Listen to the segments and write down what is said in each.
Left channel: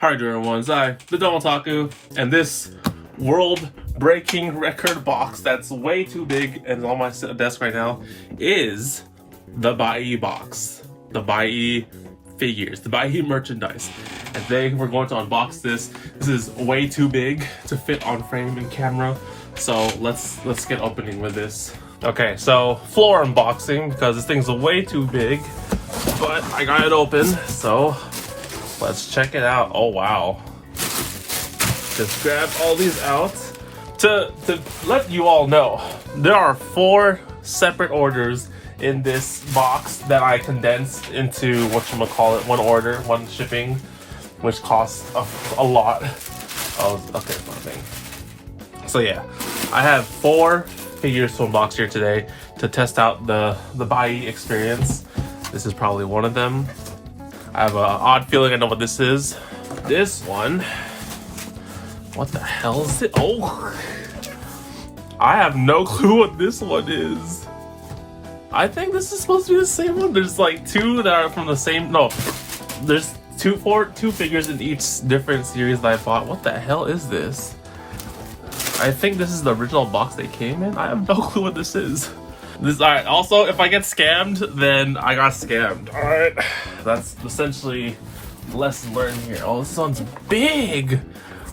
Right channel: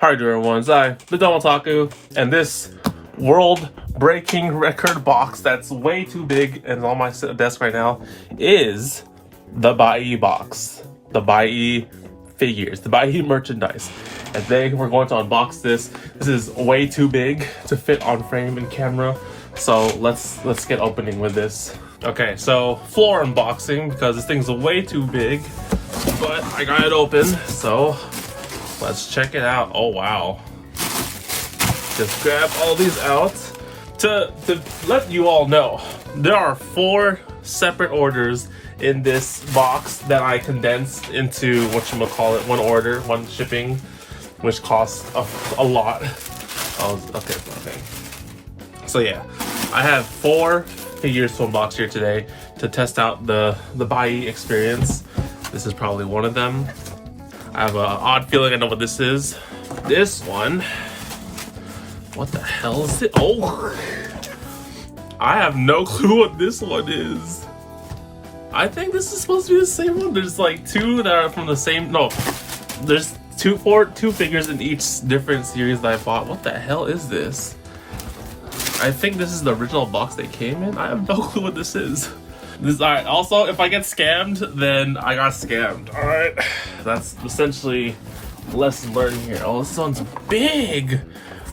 How are you doing, everyone? It's I, TheDomotaku, and this world-breaking record box that's way too big and is on my desk right now is the Buyee box. The Buyee figures, the Buyee merchandise. And today we're going to unbox this. This is way too big to fit on frame and camera, so let's get opening with this. Okay, so floor unboxing because this thing's way too big, but I got it open, so let's check it out. Oh wow. Just grab all these out. To let you all know, there are 4 separate orders in this box that I condensed into whatchamacallit, one order, one shipping, which costs a lot. Oh, okay. So yeah, I have 4 figures to unbox here today to test out the Buyee experience. This is probably one of them. I have an odd feeling I know what this is. This one, what the hell is it? Oh, I have no clue what this one is. I think this is supposed to be the same one. There's like 2 that are from the same, no, there's 2 figures in each different series that I bought. What the hell is this? I think this is the original box they came in. I have no clue what this is. Alright, also, if I get scammed, then I got scammed. Alright, that's essentially lesson learned here. Oh, this one's big!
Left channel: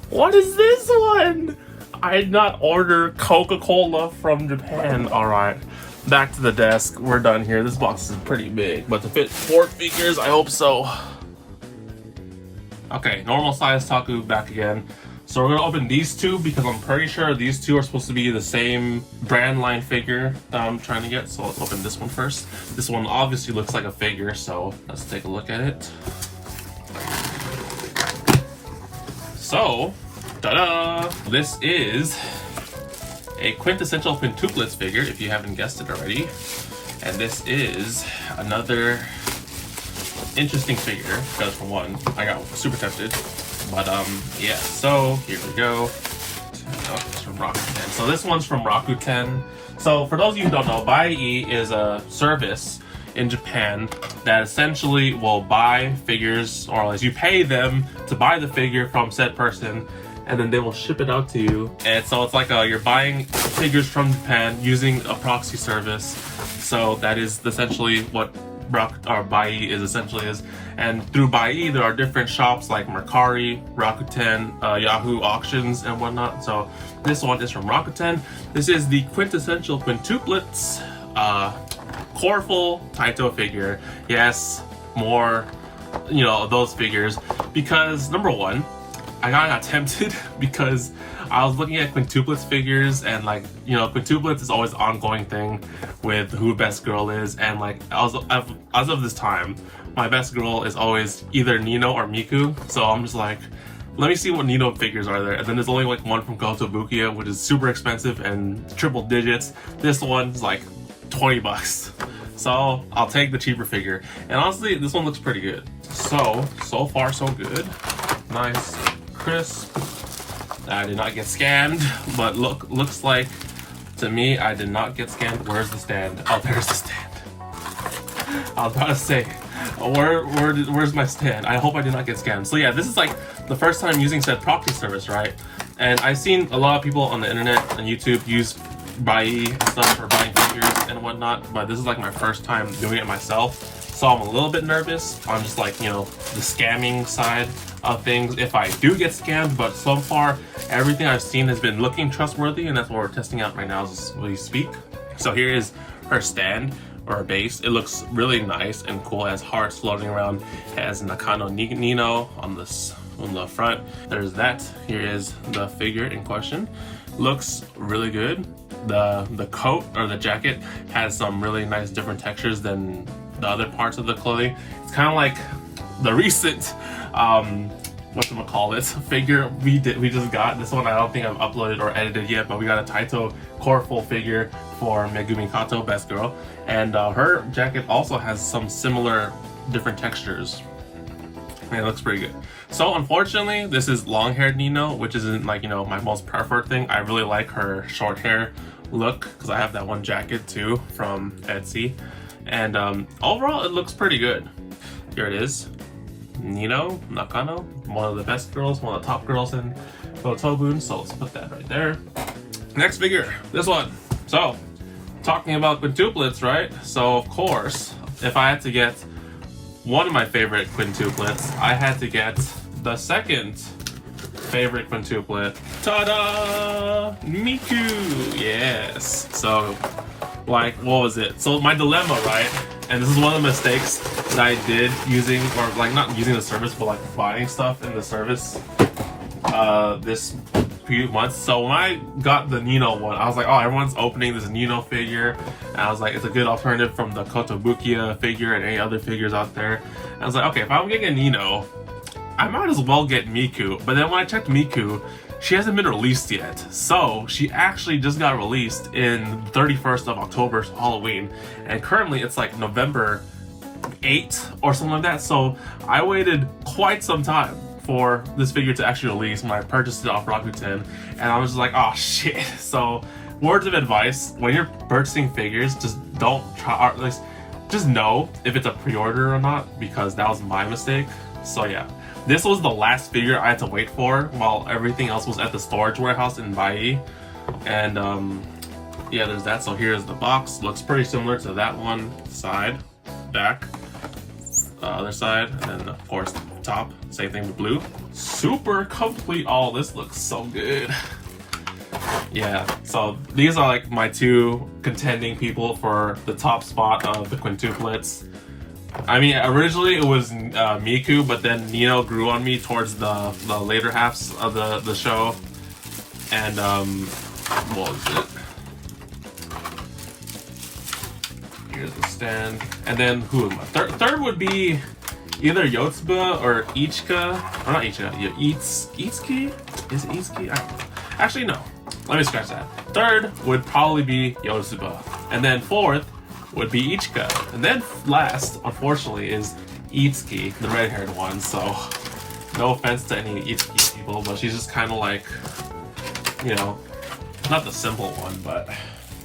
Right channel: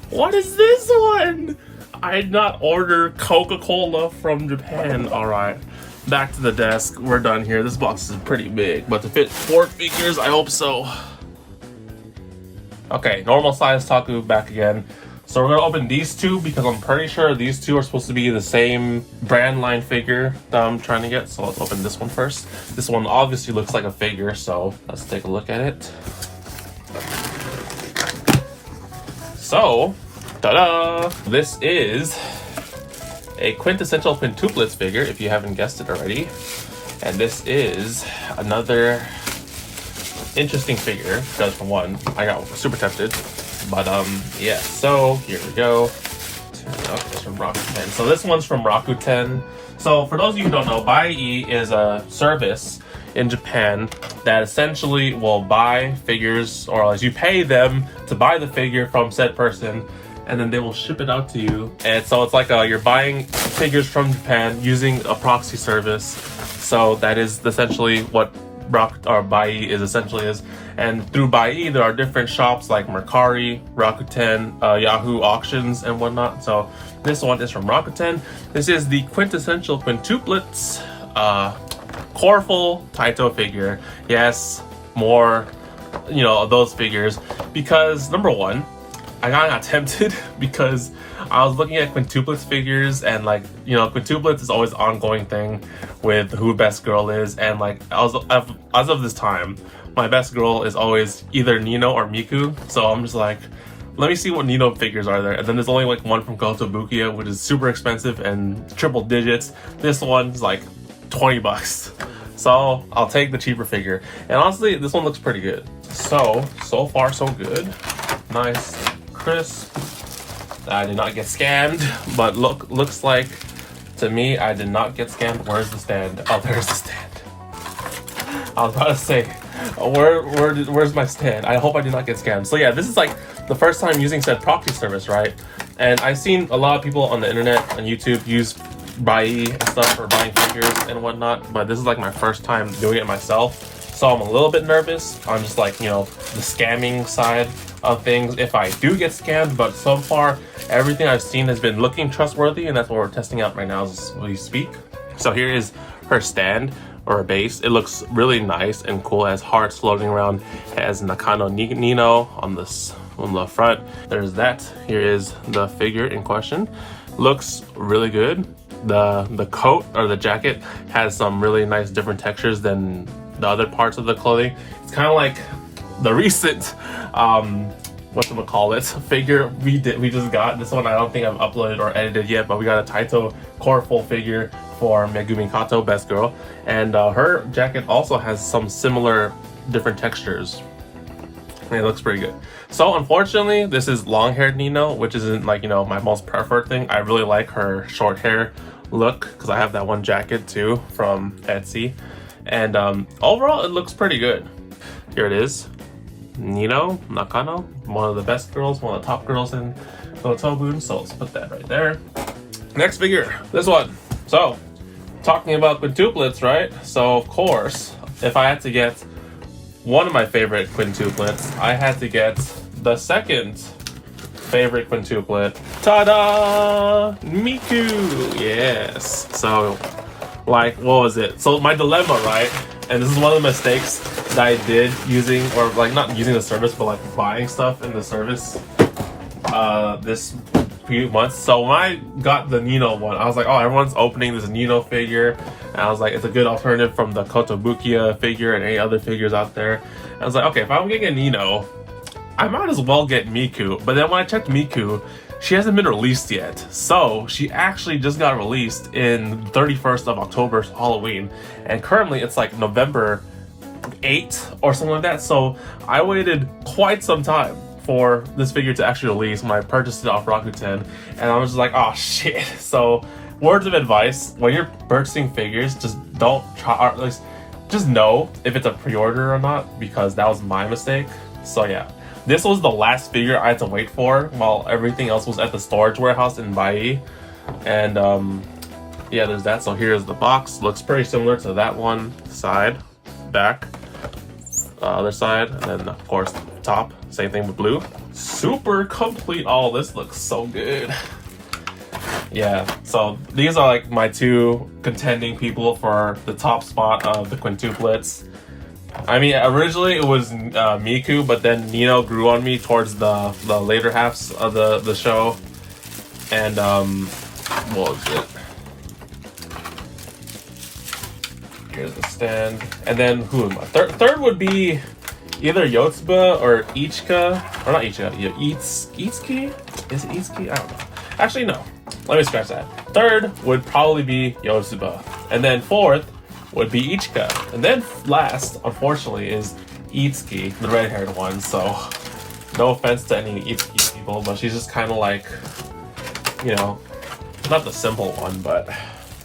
What is this one? I did not order Coca-Cola from Japan. Alright, back to the desk. We're done here. This box is pretty big, but to fit 4 figures, I hope so. Okay, normal size Taku back again. So we're gonna open these 2 because I'm pretty sure these 2 are supposed to be the same brand line figure that I'm trying to get. So let's open this one first. This one obviously looks like a figure, so let's take a look at it. So, ta-da! This is a quintessential quintuplets figure, if you haven't guessed it already. And this is another interesting figure, because for one, I got super tempted. But yeah, so here we go. Oh, it's from Rakuten. So this one's from Rakuten. So for those of you who don't know, Buyee is a service in Japan that essentially will buy figures, or as you pay them to buy the figure from said person, and then they will ship it out to you. And so it's like you're buying figures from Japan using a proxy service. So that is essentially what Buyee is. And through Buyee, there are different shops like Mercari, Rakuten, Yahoo Auctions, and whatnot. So this one is from Rakuten. This is the quintessential quintuplets colorful Taito figure. Yes, more, of those figures. Because number one, I got tempted because I was looking at quintuplets figures, and quintuplets is always an ongoing thing with who best girl is, and as of this time, my best girl is always either Nino or Miku. So I'm just like, let me see what Nino figures are there. And then there's only one from Kotobukiya, which is super expensive and triple digits. This one's like 20 bucks. So I'll take the cheaper figure. And honestly, this one looks pretty good. So far so good. Nice, crisp. I did not get scammed, but looks like to me I did not get scammed. Where's the stand? Oh, there's the stand. I was about to say, where's my stand? I hope I did not get scammed. So yeah, this is the first time using said proxy service, right? And I've seen a lot of people on the internet and YouTube use Buyee and stuff for buying figures and whatnot, but this is my first time doing it myself. So I'm a little bit nervous on just the scamming side of things if I do get scammed, but so far everything I've seen has been looking trustworthy, and that's what we're testing out right now as we speak. So here is her stand, or a base. It looks really nice and cool. It has hearts floating around. It has Nakano Nino on the front. There's that. Here is the figure in question. Looks really good. The coat or the jacket has some really nice different textures than the other parts of the clothing. It's kind of like the recent figure we just got. This one I don't think I've uploaded or edited yet, but we got a Taito colorful figure for Megumi Kato, best girl, and her jacket also has some similar different textures. It looks pretty good. So unfortunately, this is long-haired Nino, which isn't my most preferred thing. I really like her short hair look because I have that one jacket too from Etsy, and overall it looks pretty good. Here it is. Nino Nakano, one of the best girls, one of the top girls in Otobun, so let's put that right there. Next figure, this one. So, talking about quintuplets, right? So of course, if I had to get one of my favorite quintuplets, I had to get the second favorite quintuplet. Ta-da! Miku! Yes. So, like, what was it? So my dilemma, right? And this is one of the mistakes that I did using, or like not using the service, but like buying stuff in the service this few months. So when I got the Nino one, I was like, oh, everyone's opening this Nino figure. And I was like, it's a good alternative from the Kotobukiya figure and any other figures out there. And I was like, okay, if I'm getting a Nino, I might as well get Miku. But then when I checked Miku, she hasn't been released yet. So she actually just got released in 31st of October, Halloween. And currently it's like November 8th or something like that. So I waited quite some time for this figure to actually release when I purchased it off Rakuten. And I was just like, oh shit. So words of advice, when you're purchasing figures, just don't try, or at least just know if it's a pre-order or not, because that was my mistake. So yeah. This was the last figure I had to wait for while everything else was at the storage warehouse in Buyee. And yeah, there's that. So here's the box. Looks pretty similar to that one. Side, back, other side, and then of course top. Same thing with blue. Super complete. All this looks so good. Yeah, so these are like my two contending people for the top spot of the quintuplets. I mean, originally it was Miku, but then Nino grew on me towards the later halves of the show. And what was it? Here's the stand. And then who am I? Third would be either Yotsuba or Ichika. Or not Ichika, Itsuki? Is it Itsuki? I don't know. Actually, no. Let me scratch that. Third would probably be Yotsuba. And then fourth would be Ichika. And then last, unfortunately, is Itsuki, the red-haired one. So, no offense to any Itsuki people, but she's just kind of like, you know, not the simple one, but...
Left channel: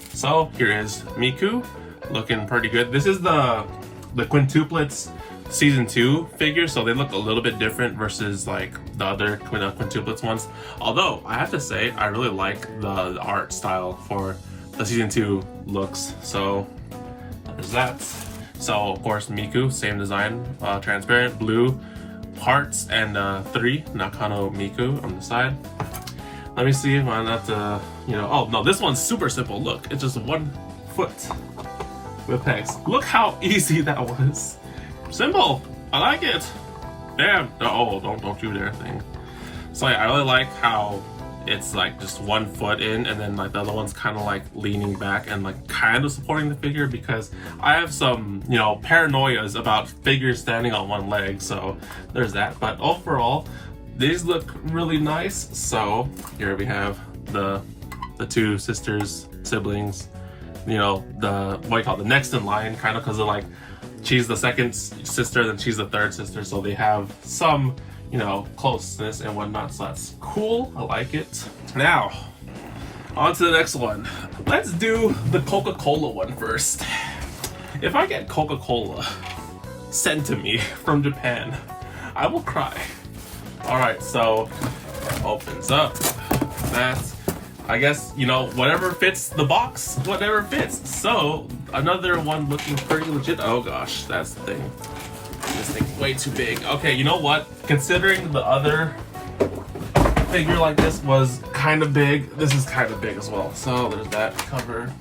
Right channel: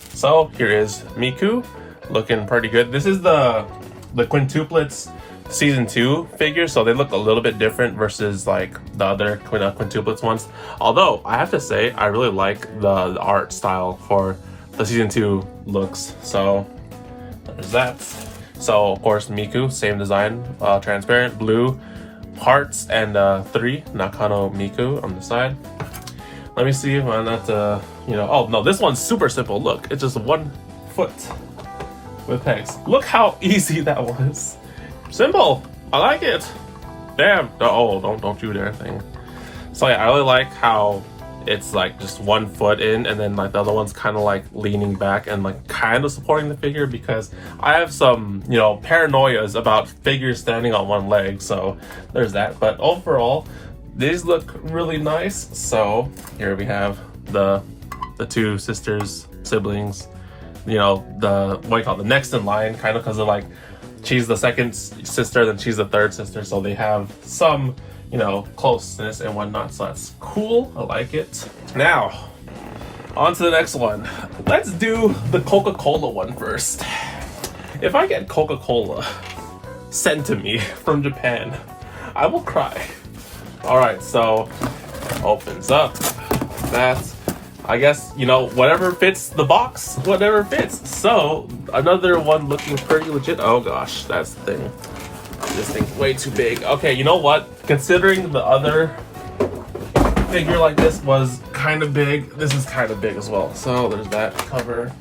So, here is Miku, looking pretty good. This is the quintuplets season 2 figures, so they look a little bit different versus like the other quintuplets ones. Although, I have to say, I really like the art style for the season 2 looks. So, there's that. So of course Miku, same design, transparent, blue, hearts, and 3 Nakano Miku on the side. Let me see if I'm not, you know, oh no, this one's super simple. Look, it's just 1 foot with pegs. Look how easy that was. Simple, I like it. Damn, oh, don't do their thing. So yeah, I really like how it's like just 1 foot in, and then like the other one's kind of like leaning back and like kind of supporting the figure, because I have some, you know, paranoias about figures standing on 1 leg. So there's that. But overall, these look really nice. So here we have the 2 sisters, siblings, you know, the what do you call it, the next in line, kind of, because of like she's the second sister, then she's the third sister, so they have some, you know, closeness and whatnot. So that's cool. I like it. Now, on to the next one. Let's do the Coca-Cola one first. If I get Coca-Cola sent to me from Japan, I will cry. Alright, so opens up. That's, I guess, you know, whatever fits the box, whatever fits. So, another one looking pretty legit. Oh gosh, that's the thing. This thing's way too big. Okay, you know what? Considering the other figure like this was kind of big, this is kind of big as well. So there's that cover,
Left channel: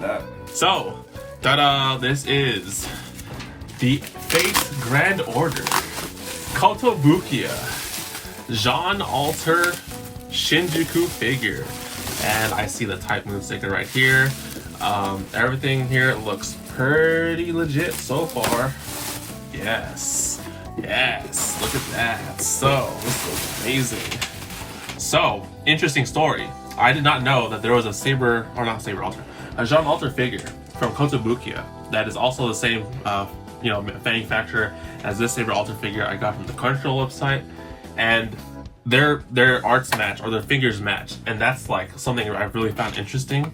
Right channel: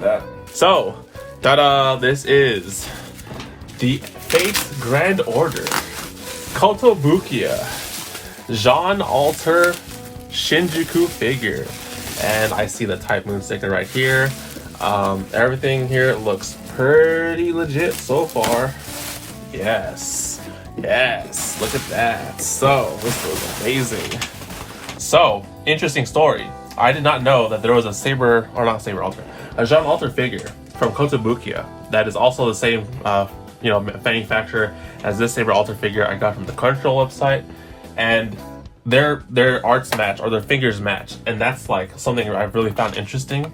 that. So, ta-da! This is the Face Grand Order Kotobukiya Jean Alter Shinjuku figure, and I see the Type Moon sticker right here. Everything here looks pretty legit so far. Yes, look at that. So, this is amazing. So, interesting story. I did not know that there was a a Jean Alter figure from Kotobukiya that is also the same, you know, manufacturer as this Saber Alter figure I got from the Crunchyroll website, and their arts match, or their figures match, and that's like something I've really found interesting.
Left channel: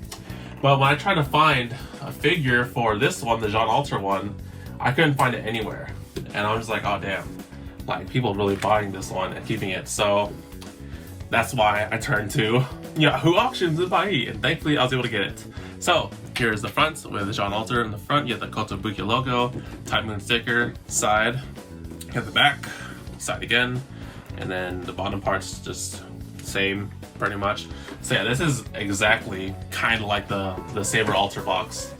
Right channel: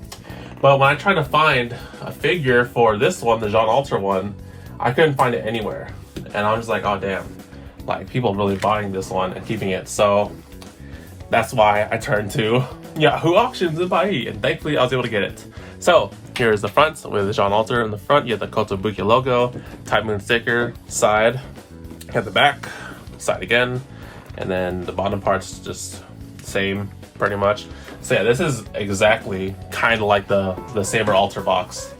But when I tried to find a figure for this one, the Jean Alter one, I couldn't find it anywhere, and I was like, oh damn. like people really buying this one and keeping it. So that's why I turned to Yahoo Auctions and Buyee, and thankfully I was able to get it. So here's the front with the John Alter in the front. You have the Kotobuki logo, Type Moon sticker, side. You have the back, side again, and then the bottom part's just same pretty much. So yeah, this is exactly kind of like the Saber Alter box.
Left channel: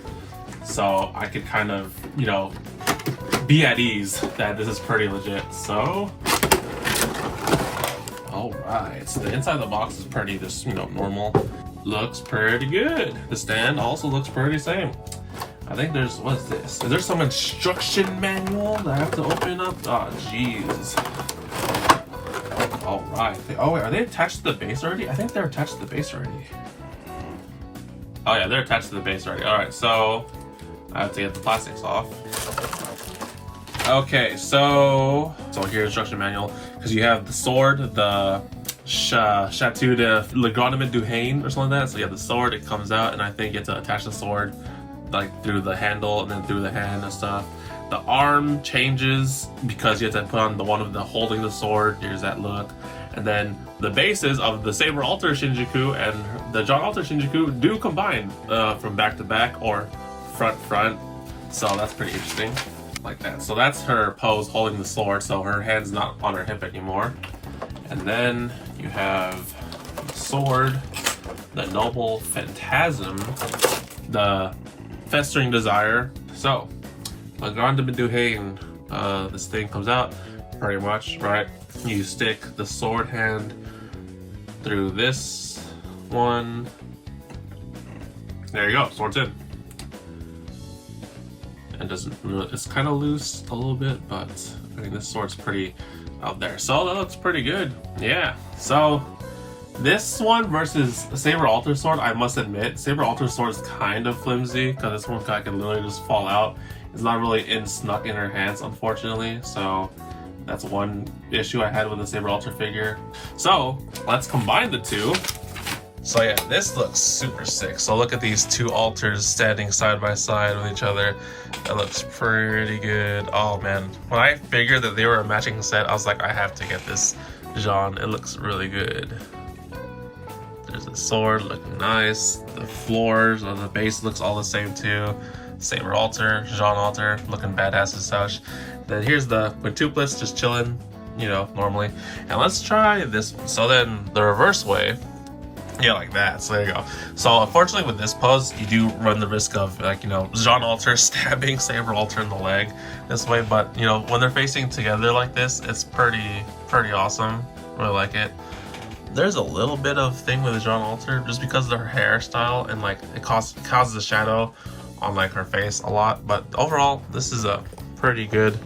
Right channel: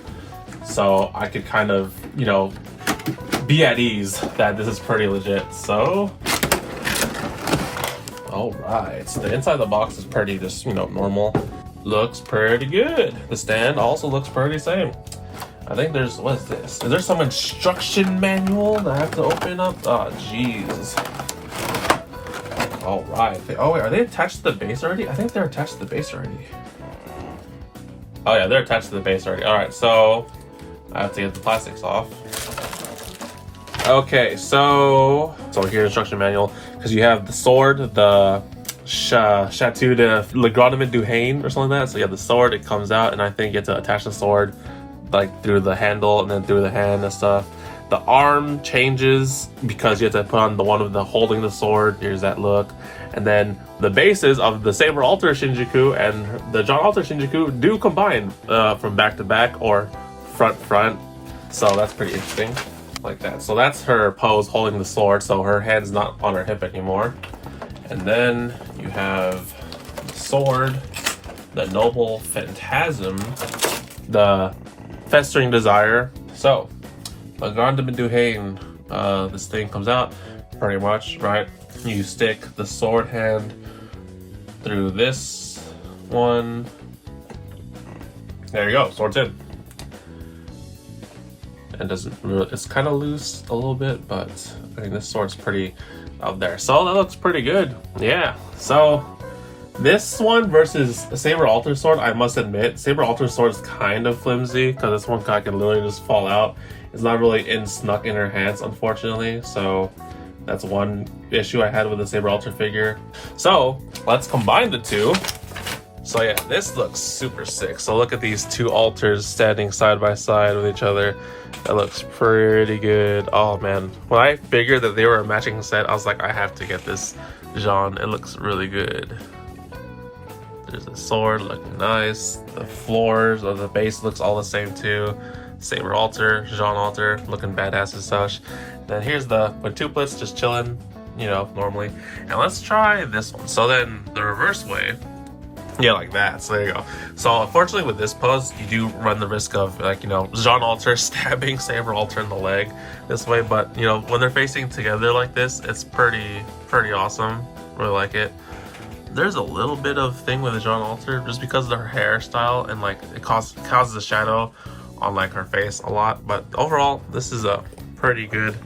So I could kind of, you know, be at ease that this is pretty legit. So all right, so the inside of the box is pretty just, you know, normal. Looks pretty good. The stand also looks pretty same. I think there's, what's this? Is there some instruction manual that I have to open up? Oh, jeez. All right. Oh, wait, are they attached to the base already? I think they're attached to the base already. Oh yeah, they're attached to the base already. All right, so I have to get the plastics off. Okay, so here's the instruction manual, because you have the sword, the Chateau de Le Grenouille du Haine or something like that. So you have the sword, it comes out, and I think you have to attach the sword like through the handle and then through the hand and stuff. The arm changes because you have to put on the one of the holding the sword. Here's that look. And then the bases of the Saber Alter Shinjuku and the John Alter Shinjuku do combine from back to back or front. So that's pretty interesting. Like that. So that's her pose holding the sword, so her hand's not on her hip anymore. And then you have the sword, the Noble Phantasm, the Festering Desire. So, Le Grenouille du Haine, this thing comes out pretty much, right? You stick the sword hand through this one. There you go, sword's in. And it's kind of loose a little bit, but I mean this sword's pretty out there, so that looks pretty good. Yeah, so this one versus a Saber Alter sword, I must admit Saber Alter sword is kind of flimsy because this one can literally just fall out. It's not really snuck in her hands, unfortunately, so that's one issue I had with the Saber Alter figure. So let's combine the two. So yeah, this looks super sick. So look at these two altars standing side by side with each other. That looks pretty good. Oh man, when I figured that they were a matching set, I was like, I have to get this Jean. It looks really good. There's a sword looking nice. The floors or the base looks all the same too. Saber Alter, Jean Alter, looking badass as such. Then here's the quintuplets just chilling, you know, normally. And let's try this one. So then the reverse way. Yeah, like that. So there you go. So unfortunately with this pose, you do run the risk of, like, you know, Jean Alter stabbing Saber Alter in the leg this way. But, you know, when they're facing together like this, it's pretty awesome. Really like it. There's a little bit of thing with the Jean Alter just because of her hairstyle and like it causes a shadow on like her face a lot. But overall, this is a pretty good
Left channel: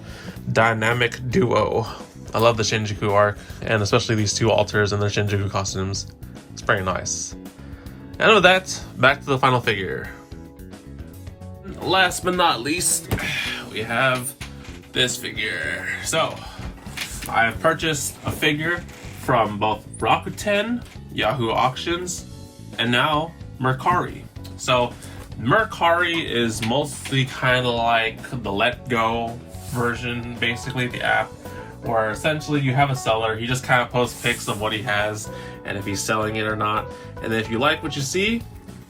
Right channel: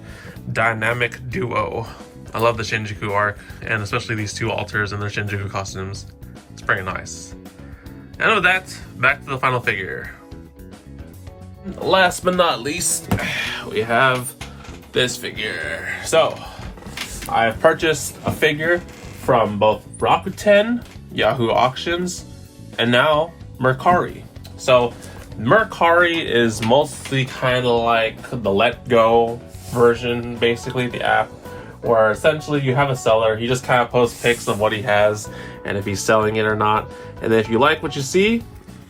dynamic duo. I love the Shinjuku arc and especially these two alters and their Shinjuku costumes. It's pretty nice. And with that, back to the final figure. Last but not least, we have this figure. So, I've purchased a figure from both Rakuten, Yahoo Auctions, and now Mercari. So, Mercari is mostly kind of like the Let Go version, basically, the app, where essentially you have a seller, he just kind of posts pics of what he has and if he's selling it or not, and then if you like what you see,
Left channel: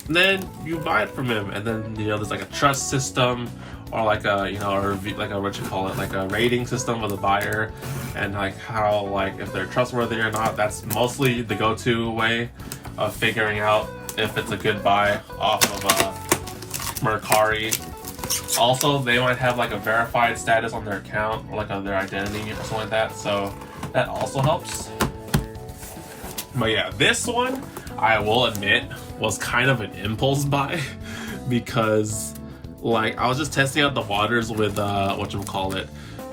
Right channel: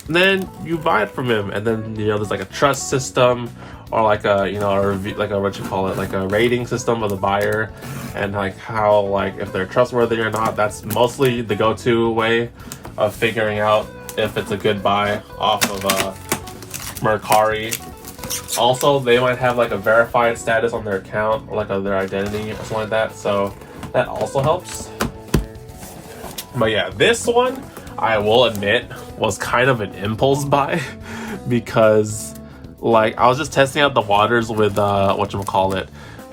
then you buy it from him. And then, you know, there's like a trust system or like a, you know, like a, what you call it, like a rating system of the buyer and like how, like, if they're trustworthy or not. That's mostly the go-to way of figuring out if it's a good buy off of Mercari. Also, they might have like a verified status on their account or like on their identity or something like that, so that also helps. But yeah, this one, I will admit, was kind of an impulse buy because like I was just testing out the waters with whatchamacallit,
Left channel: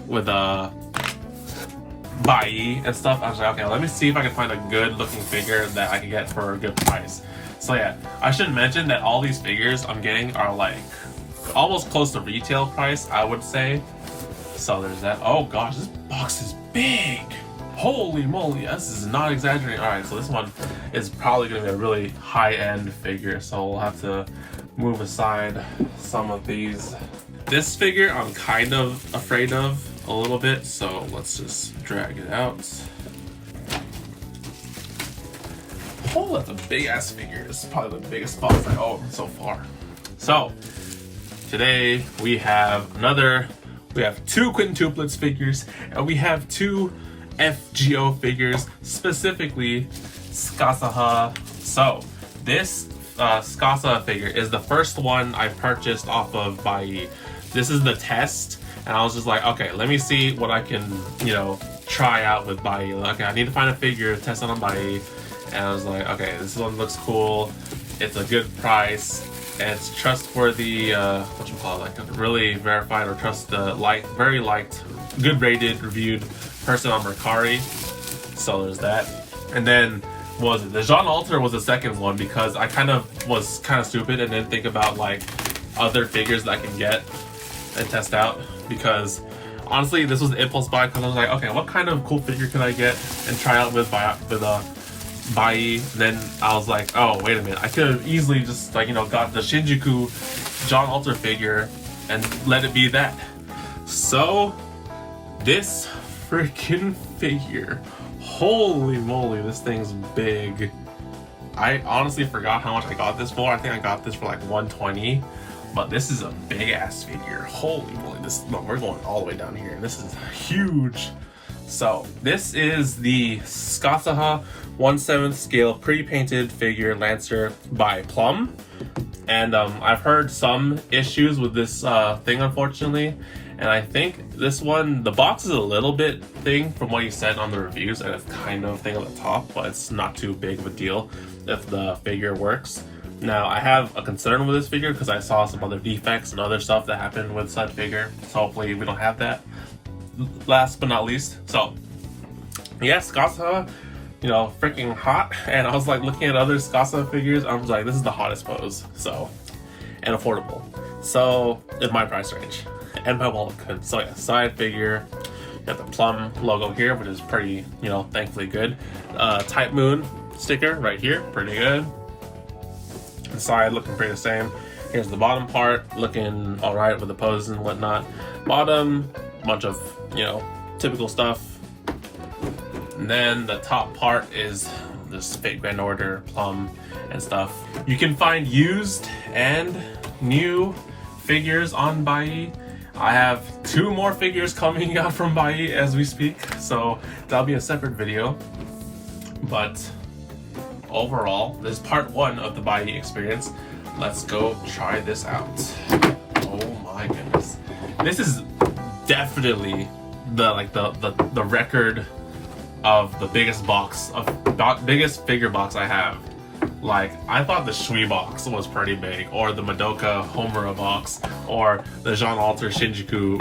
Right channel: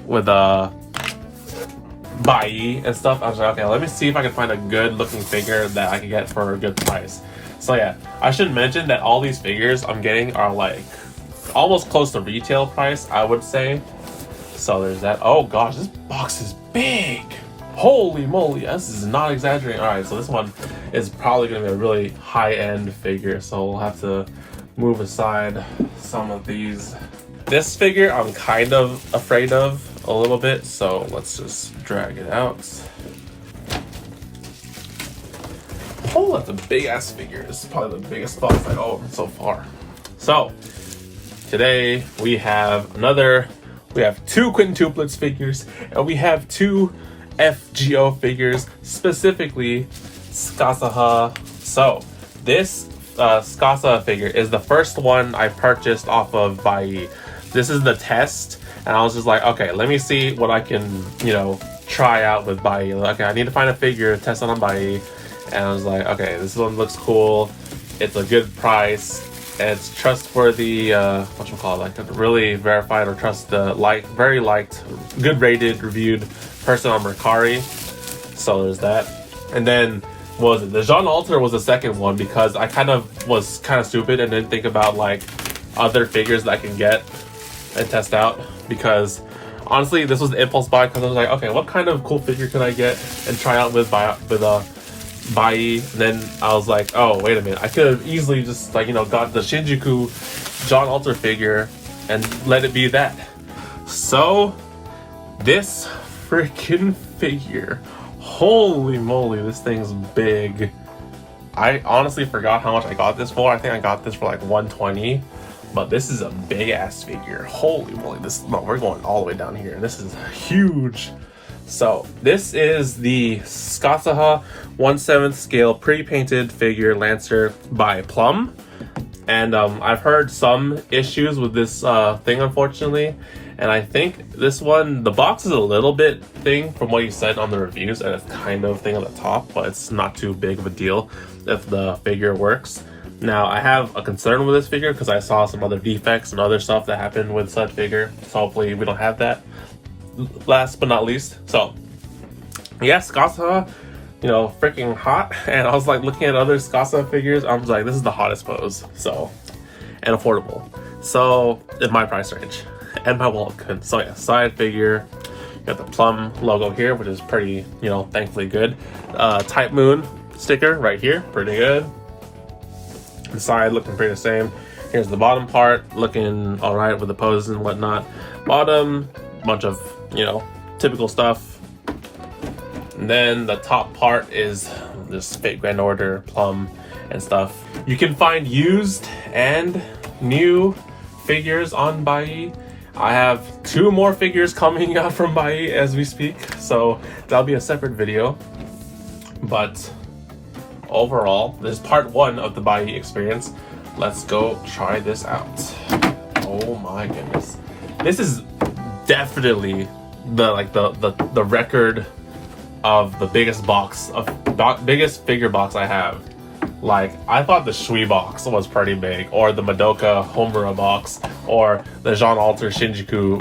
with Buyee and stuff. I was like, okay, let me see if I can find a good looking figure that I can get for a good price. So yeah, I should mention that all these figures I'm getting are like almost close to retail price, I would say. So there's that. Oh gosh, this box is big. Holy moly, this is not exaggerating. All right, so this one is probably going to be a really high-end figure, so we'll have to move aside some of these. This figure I'm kind of afraid of a little bit, so let's just drag it out. Oh, that's a big ass figure. This is probably the biggest box I own so far. So today we have two quintuplets figures, and we have two FGO figures, specifically Skasaha. So this Skasaha figure is the first one I purchased off of Buyee. This is the test, and I was just like, okay, let me see what I can, try out with Buyee. Okay, I need to find a figure, test it on Buyee, and I was like, okay, this one looks cool. It's a good price, and it's trustworthy. Like really verified or very liked, good rated, reviewed person on Mercari. So there's that, and then what was it? The Jean Alter was the second one because I was kind of stupid and didn't think about like other figures that I can get and test out, because honestly this was the impulse buy, because I was like, okay, what kind of cool figure can I get and try out with Buyee? Then I was like, oh wait a minute, I could have easily just got the Shinjuku Jean Alter figure and let it be that. So this freaking figure, holy moly, this thing's big. I honestly forgot how much I got this for. I think I got this for like $120, but this is a big ass figure. Holy moly, we're going all the way down here. This is huge. So this is the Skasaha 1/7 scale pre-painted figure Lancer by Plum. And I've heard some issues with this thing, unfortunately. And I think this one, the box is a little bit thin from what you said on the reviews, and it's kind of thin on the top, but it's not too big of a deal if the figure works. Now, I have a concern with this figure because I saw some other defects and other stuff that happened with said figure. So hopefully we don't have that. Last but not least, so yeah, Skasaha, freaking hot. And I was like looking at other Skasaha figures, I was like, this is the hottest pose. So, and affordable. So, in my price range. And my wallet could. So yeah, side figure. You got the Plum logo here, which is pretty, thankfully good. Type Moon sticker right here, pretty good. The side looking pretty the same. Here's the bottom part, looking all right with the poses and whatnot. Bottom, bunch of, typical stuff. And then the top part is this Fate Grand Order, Plum, and stuff. You can find used and new figures on Buyee. I have 2 more figures coming out from Buyee as we speak, so that'll be a separate video. But overall, this is part 1 of the Buyee experience. Let's go try this out. Oh my goodness. This is definitely the record of the biggest figure box I have. Like, I thought the Shui box was pretty big, or the Madoka Homura box, or the Jean Alter Shinjuku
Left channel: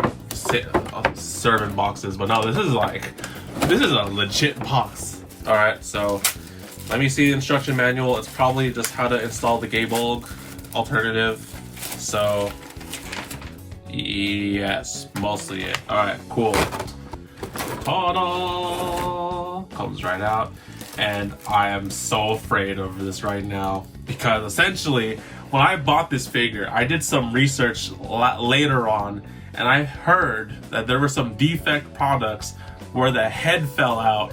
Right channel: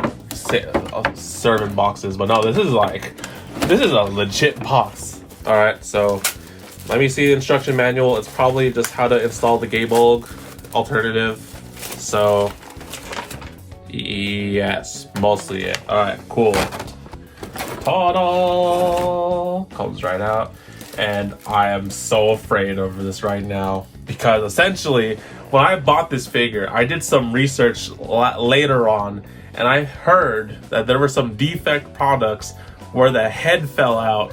servant boxes, but no, this is a legit box. Alright, so let me see the instruction manual. It's probably just how to install the Gaebulg alternative. So, yes, mostly it. Alright, cool. Ta-da! Comes right out. And I am so afraid of this right now, because essentially when I bought this figure, I did some research later on, and I heard that there were some defect products where the head fell out,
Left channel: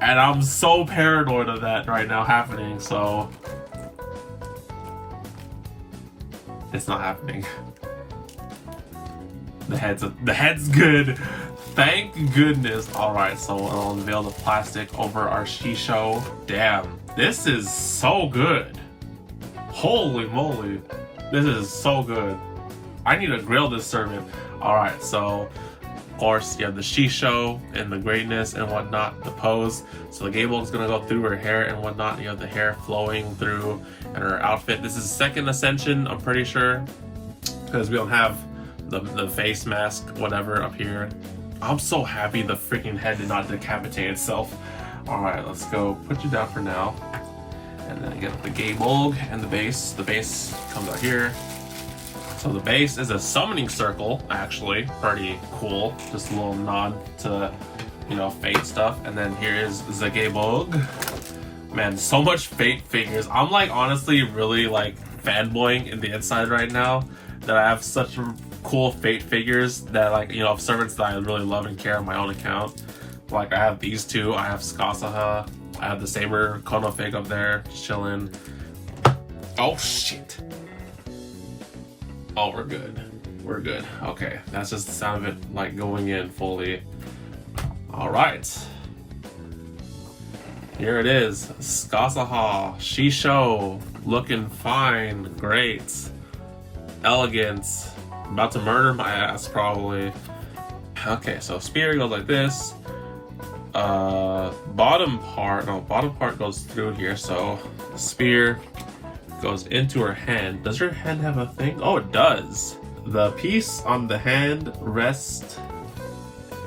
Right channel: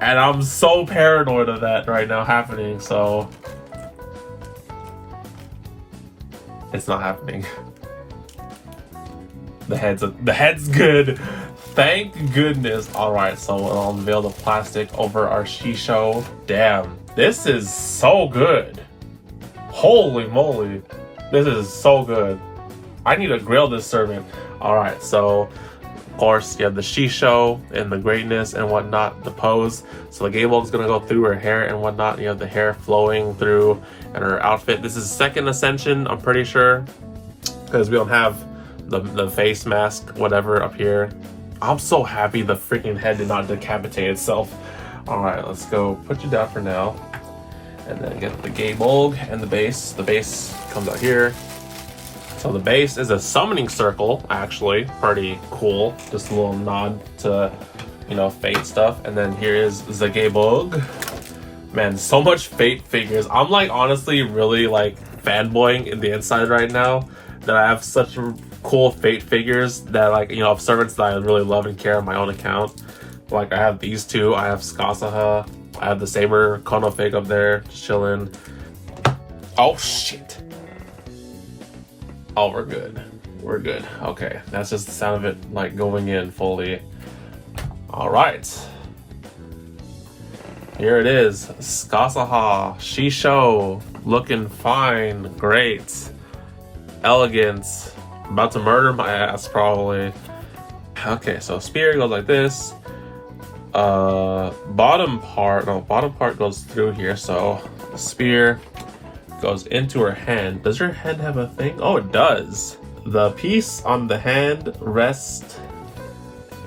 and I'm so paranoid of that right now happening. So it's not happening. The head's good. Thank goodness. Alright, so I'll unveil the plastic over our shisho. Damn, this is so good. Holy moly. This is so good. I need to grill this servant. Alright, so of course you have the shisho and the greatness and whatnot, the pose. So the Gaebulg's gonna go through her hair and whatnot. You have the hair flowing through and her outfit. This is second ascension, I'm pretty sure, because we don't have the face mask, whatever, up here. I'm so happy the freaking head did not decapitate itself. Alright, let's go put you down for now. And then get the Gaebulg and the base. The base comes out here. So the base is a summoning circle, actually. Pretty cool. Just a little nod to, Fate stuff. And then here is the Gaebulg. Man, so much Fate figures. I'm honestly really fanboying in the inside right now that I have such cool Fate figures that, like, you know, of servants that I really love and care on my own account. Like, I have these two. I have Skasaha. I have the Saber Kono fig up there, just chilling. Oh shit. Oh, we're good. We're good. Okay, that's just the sound of it, like, going in fully. All right. Here it is. Skasaha, Shisho, looking fine, great, elegance. About to murder my ass, probably. Okay, so spear goes like this. Bottom part goes through here, so spear goes into her hand. Does her hand have a thing? Oh, it does. The piece on the hand rests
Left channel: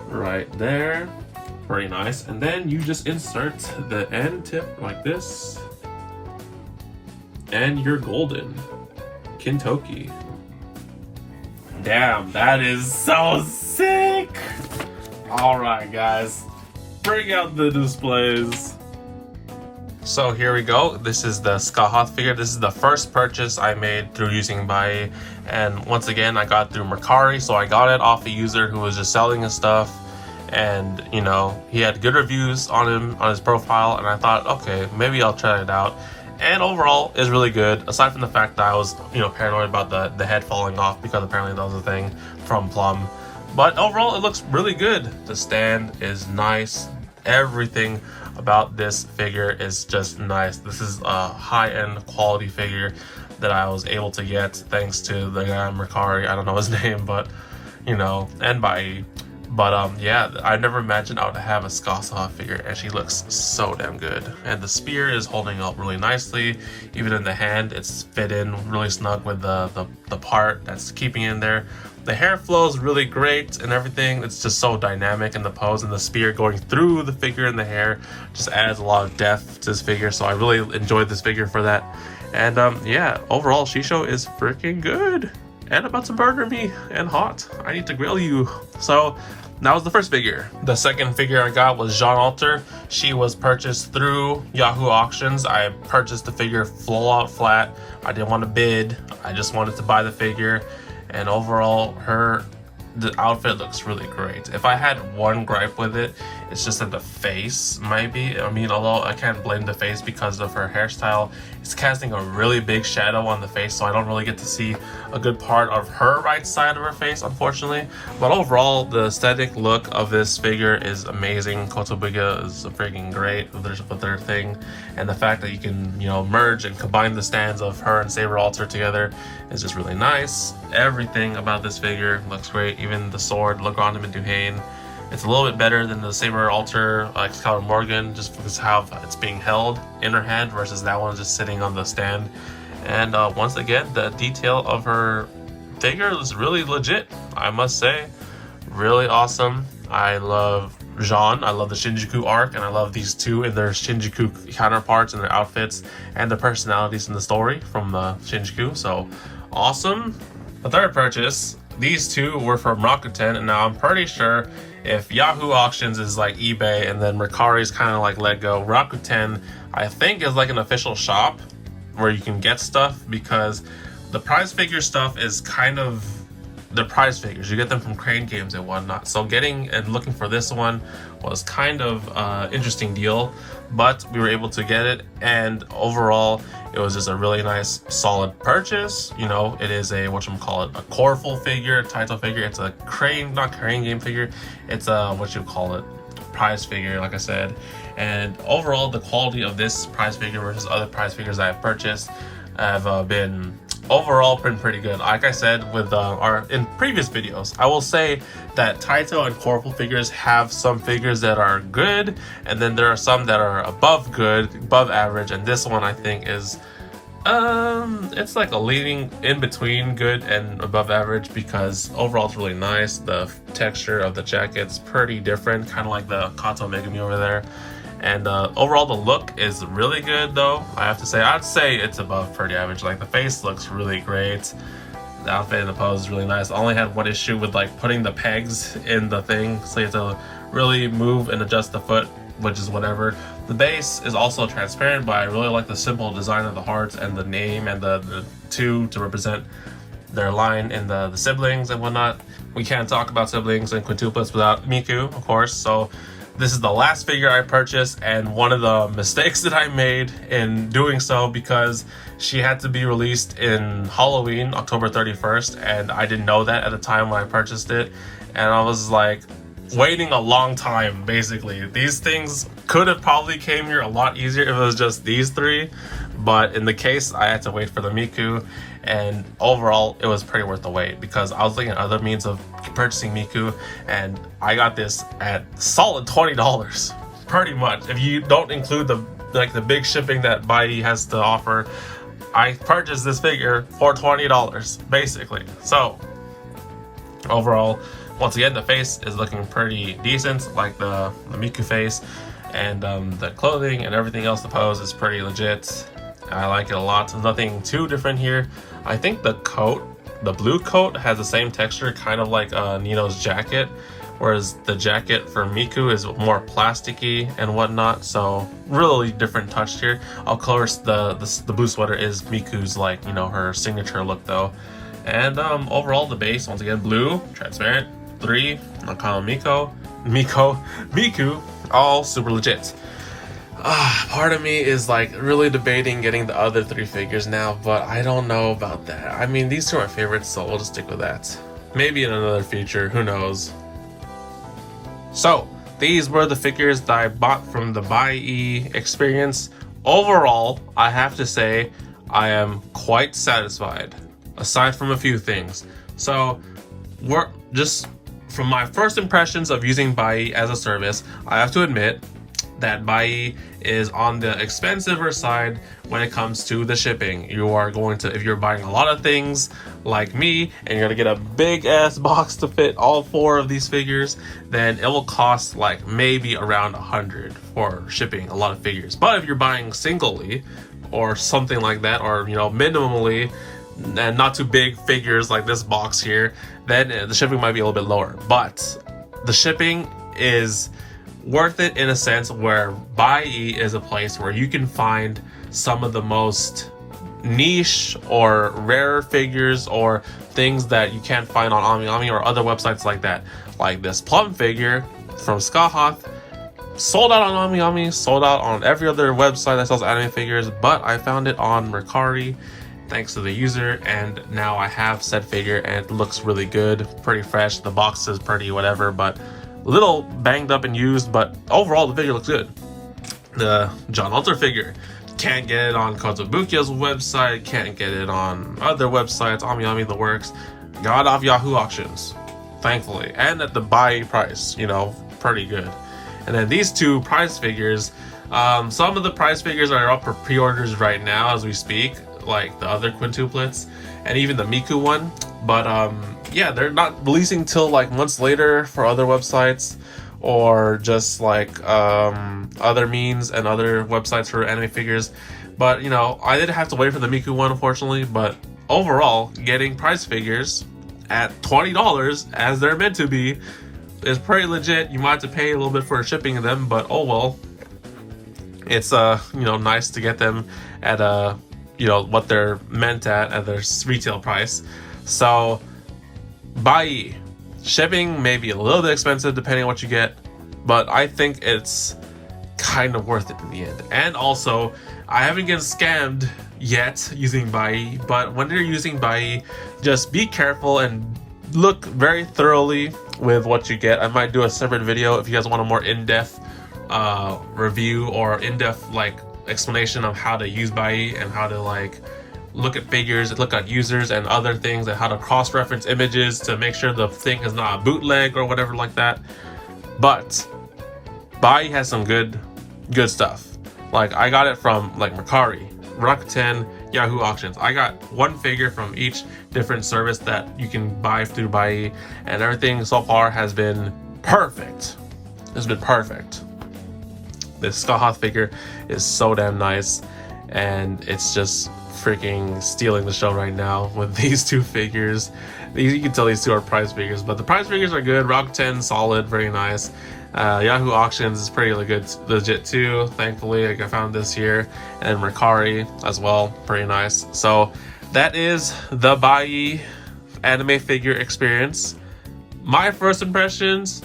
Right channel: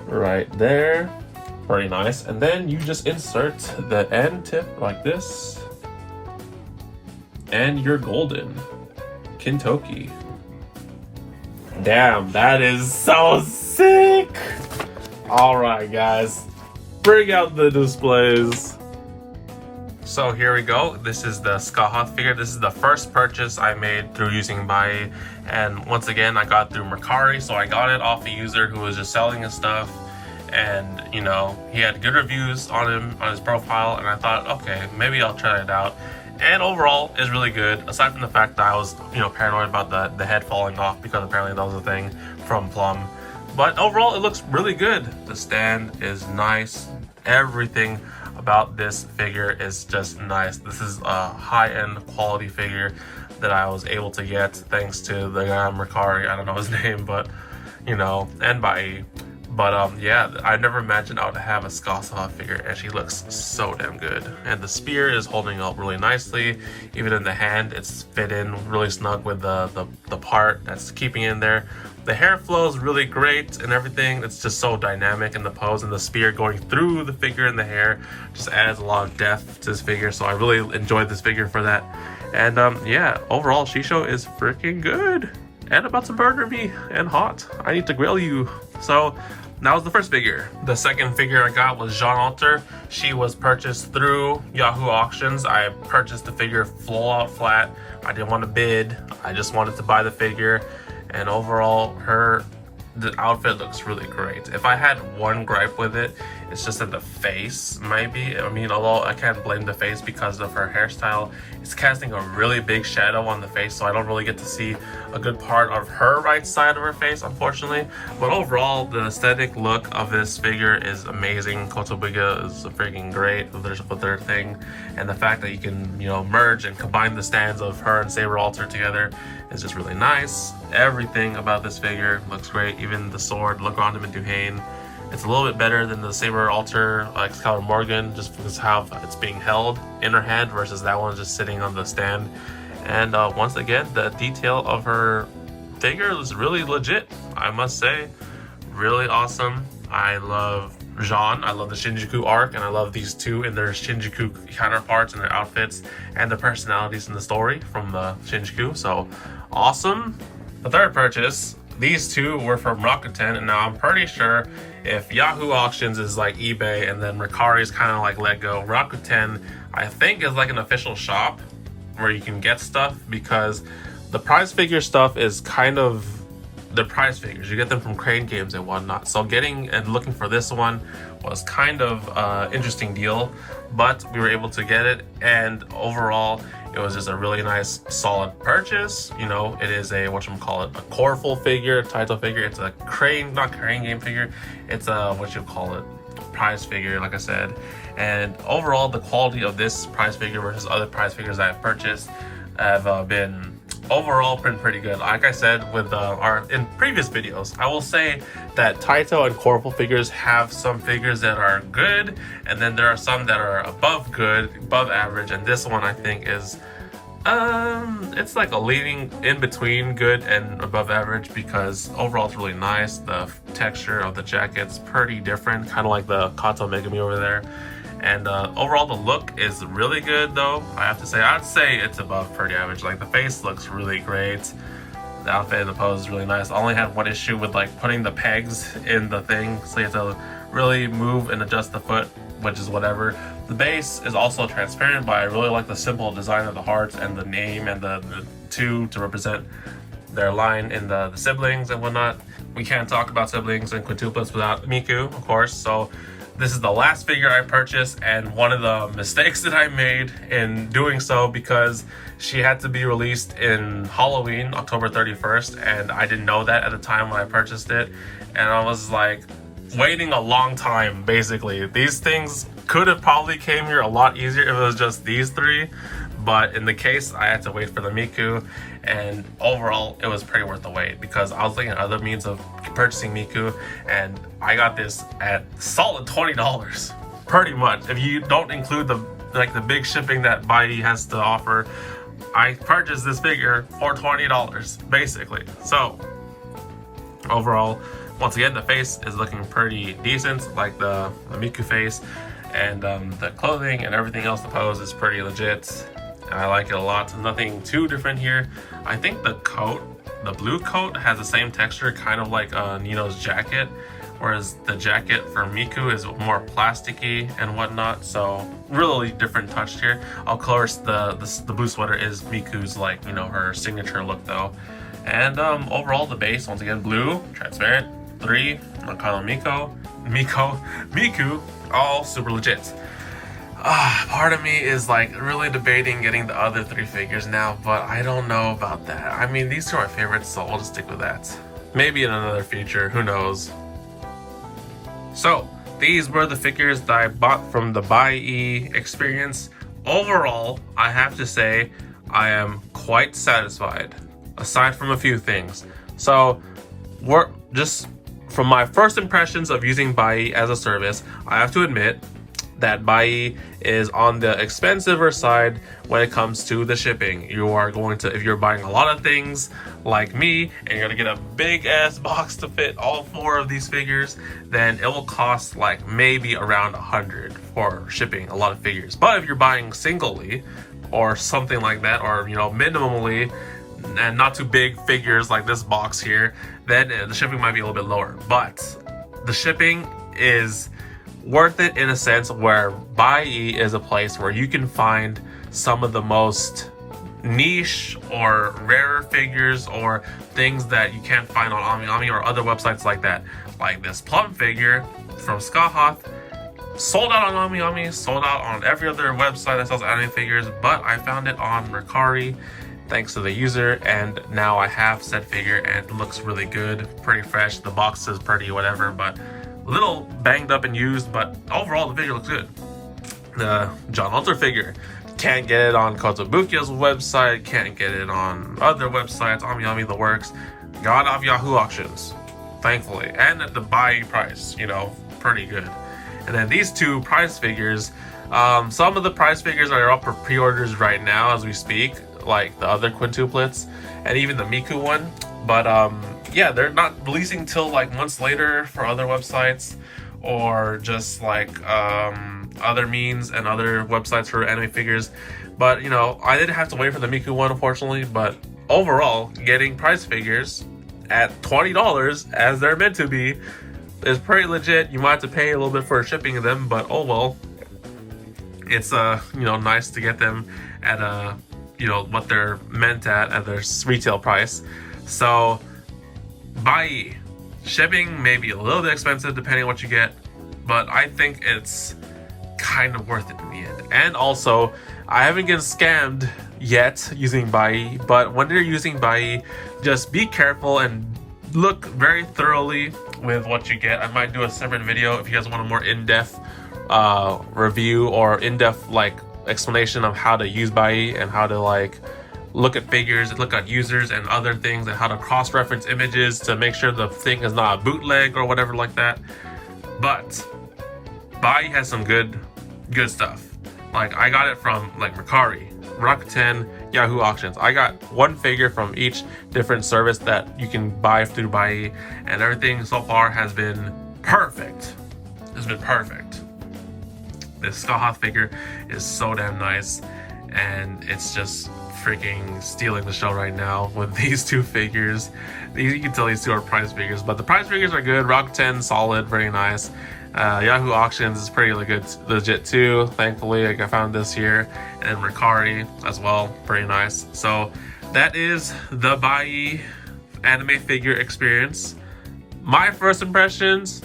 right there. Very nice. And then you just insert the end tip like this, and you're golden. Kintoki. Damn, that is so sick! Alright, guys. Bring out the displays. So here we go. This is the Skahath figure. This is the first purchase I made through using Buyee. And once again, I got through Mercari, so I got it off a user who was just selling his stuff. And, you know, he had good reviews on him, on his profile, and I thought, okay, maybe I'll try it out. And overall, it's really good, aside from the fact that I was, you know, paranoid about the head falling off, because apparently that was a thing from Plum. But overall, it looks really good. The stand is nice. Everything about this figure is just nice. This is a high-end quality figure that I was able to get thanks to the guy on Mercari. I don't know his name, but, you know, and Buyee. But yeah, I never imagined I would have a Skasaha figure, and she looks so damn good. And the spear is holding up really nicely. Even in the hand, it's fit in really snug with the part that's keeping it in there. The hair flows really great and everything. It's just so dynamic in the pose, and the spear going through the figure and the hair just adds a lot of depth to this figure. So I really enjoyed this figure for that. And yeah, overall, Shisho is freaking good and about to murder me and hot. I need to grill you. So that was the first figure. The second figure I got was Jean Alter. She was purchased through Yahoo Auctions. I purchased the figure full out flat. I didn't want to bid. I just wanted to buy the figure. And overall, the outfit looks really great. If I had one gripe with it, it's just that the face might be. I mean, although I can't blame the face because of her hairstyle, it's casting a really big shadow on the face, so I don't really get to see a good part of her right side of her face, unfortunately. But overall, the aesthetic look of this figure is amazing. Kotobuga is freaking great with their thing, and the fact that you can, you know, merge and combine the stands of her and Saber Alter together is just really nice. Everything about this figure looks great. Even the sword, look on him and Duhane. It's a little bit better than the Saber Alter Excalibur Morgan, just because how it's being held in her hand versus that one just sitting on the stand. And once again, the detail of her figure is really legit, I must say. Really awesome. I love Jean, I love the Shinjuku arc, and I love these two in their Shinjuku counterparts and their outfits and the personalities in the story from Shinjuku. So awesome. The third purchase, these two were from Rakuten, and now I'm pretty sure if Yahoo Auctions is like eBay and then Mercari is kind of like Lego, Rakuten I think is like an official shop where you can get stuff, because the prize figure stuff is kind of the prize figures. You get them from Crane Games and whatnot. So getting and looking for this one was kind of interesting deal, but we were able to get it, and overall it was just a really nice solid purchase. You know, it is a whatchamacallit, a Coreful figure, title figure. It's a not Crane Game figure, it's a prize figure, like I said. And overall, the quality of this prize figure versus other prize figures I've purchased have been overall pretty good. Like I said with in previous videos, I will say that Taito and Coreful figures have some figures that are good, and then there are some that are above good, above average, and this one I think is it's like a leading in between good and above average, because overall it's really nice. The texture of the jacket's pretty different, kind of like the Kato Megami over there. And overall the look is really good though. I have to say, I'd say it's above pretty average. Like the face looks really great. The outfit and the pose is really nice. I only had one issue with like putting the pegs in the thing, so you have to really move and adjust the foot which is whatever. The base is also transparent, but I really like the simple design of the hearts and the name and the two to represent their line in the siblings and whatnot. We can't talk about siblings and quintuplets without Miku, of course. So this is the last figure I purchased, and one of the mistakes that I made in doing so, because she had to be released in Halloween, October 31st, and I didn't know that at the time when I purchased it, and I was like waiting a long time. Basically, these things could have probably came here a lot easier if it was just these three, but in the case I had to wait for the Miku, and overall it was pretty worth the wait because I was looking at other means of purchasing Miku, and I got this at solid $20 pretty much. If you don't include the big shipping that Buyee has to offer, I purchased this figure for $20 basically. So overall, once again, the face is looking pretty decent, like the Miku face, and the clothing and everything else, the pose is pretty legit. I like it a lot. There's nothing too different here. I think the coat, the blue coat, has the same texture, kind of like Nino's jacket, whereas the jacket for Miku is more plasticky and whatnot. So really different touch here. Of course, the blue sweater is Miku's, like, you know, her signature look though. And overall, the base, once again, blue, transparent, 3, Miku, all super legit. Part of me is like really debating getting the other 3 figures now, but I don't know about that. I mean, these 2 are my favorites, so we'll just stick with that. Maybe in another future, who knows. So these were the figures that I bought from the Buyee experience. Overall, I have to say I am quite satisfied, aside from a few things. So we're just from my first impressions of using Buyee as a service, I have to admit that Buyee is on the expensiver side when it comes to the shipping. You are going to, if you're buying a lot of things like me and you're gonna get a big ass box to fit all 4 of these figures, then it will cost like maybe around $100 for shipping a lot of figures. But if you're buying singly or something like that, or, you know, minimally, and not too big figures like this box here, then the shipping might be a little bit lower. But the shipping is worth it in a sense where Buyee is a place where you can find some of the most niche or rare figures or things that you can't find on AmiAmi or other websites like that. Like this plum figure from Skahoth, sold out on AmiAmi, sold out on every other website that sells anime figures, but I found it on Mercari thanks to the user, and now I have said figure and it looks really good, pretty fresh. The box is pretty whatever, but a little banged up and used, but overall the figure looks good. The John Hunter figure, can't get it on Kotobukiya's website, can't get it on other websites, AmiAmi, the works. Got off Yahoo auctions, thankfully, and at the Buyee price, you know, pretty good. And then these 2 prize figures, some of the prize figures are up for pre-orders right now as we speak, like the other quintuplets and even the Miku one, but yeah, they're not releasing till like months later for other websites, or just like other means and other websites for anime figures. But you know, I did have to wait for the Miku one, unfortunately. But overall, getting prize figures at $20 as they're meant to be is pretty legit. You might have to pay a little bit for shipping them, but oh well. It's you know, nice to get them at a, you know, what they're meant at their retail price. So Buyee, shipping may be a little bit expensive depending on what you get, but I think it's kind of worth it in the end. And also, I haven't been scammed yet using Buyee, but when you're using Buyee, just be careful and look very thoroughly with what you get. I might do a separate video if you guys want a more in-depth review or in-depth like explanation of how to use Buyee and how to like look at figures, look at users and other things, and how to cross-reference images to make sure the thing is not a bootleg or whatever like that. But Buyee has some good stuff. Like I got it from like Mercari, Rakuten, Yahoo auctions. I got 1 figure from each different service that you can buy through Buyee, and everything so far has been perfect. It's been perfect. This Skahoth figure is so damn nice, and it's just freaking stealing the show right now with these 2 figures. You can tell these 2 are prize figures, but the prize figures are good. Rakuten, solid, very nice. Yahoo Auctions is pretty legit too. Thankfully, like I found this here, and Mercari as well, pretty nice. So that is the Buyee anime figure experience. My first impressions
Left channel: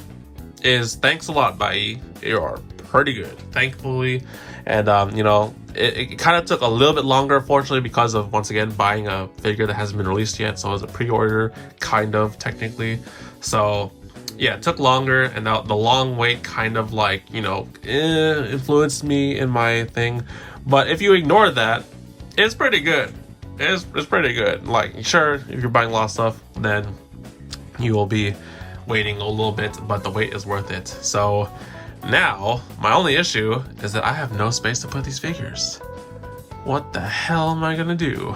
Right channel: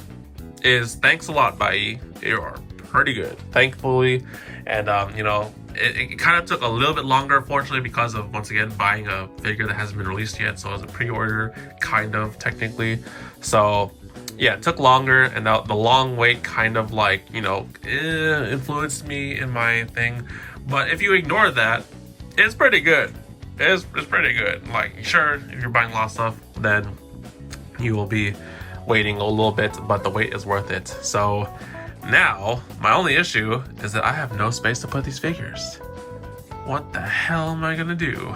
is thanks a lot, Buyee. You are pretty good, thankfully. And you know, it kind of took a little bit longer, unfortunately, because of, once again, buying a figure that hasn't been released yet. So it was a pre-order, kind of, technically. So yeah, it took longer, and the long wait kind of like, you know, influenced me in my thing. But if you ignore that, it's pretty good. It's pretty good. Like, sure, if you're buying a lot of stuff, then you will be waiting a little bit, but the wait is worth it. So now, my only issue is that I have no space to put these figures. What the hell am I gonna do?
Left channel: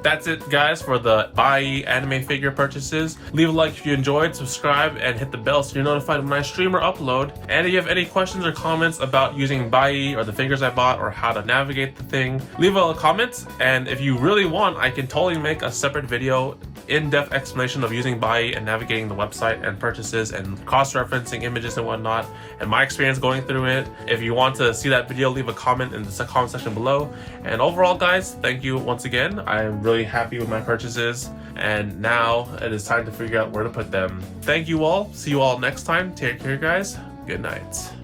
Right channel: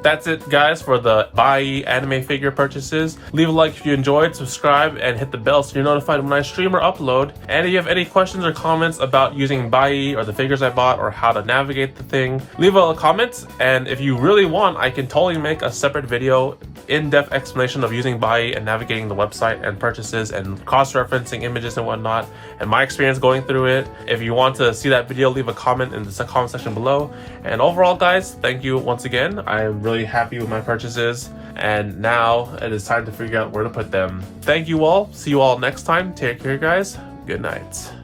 That's it, guys, for the Buyee anime figure purchases. Leave a like if you enjoyed, subscribe, and hit the bell so you're notified when I stream or upload. And if you have any questions or comments about using Buyee or the figures I bought or how to navigate the thing, leave a comment. And if you really want, I can totally make a separate video, in-depth explanation of using Buyee and navigating the website and purchases and cross-referencing images and whatnot, and my experience going through it. If you want to see that video, leave a comment in the comment section below. And overall, guys, thank you once again. I'm really happy with my purchases, and now it is time to figure out where to put them. Thank you all. See you all next time. Take care, guys. Good night.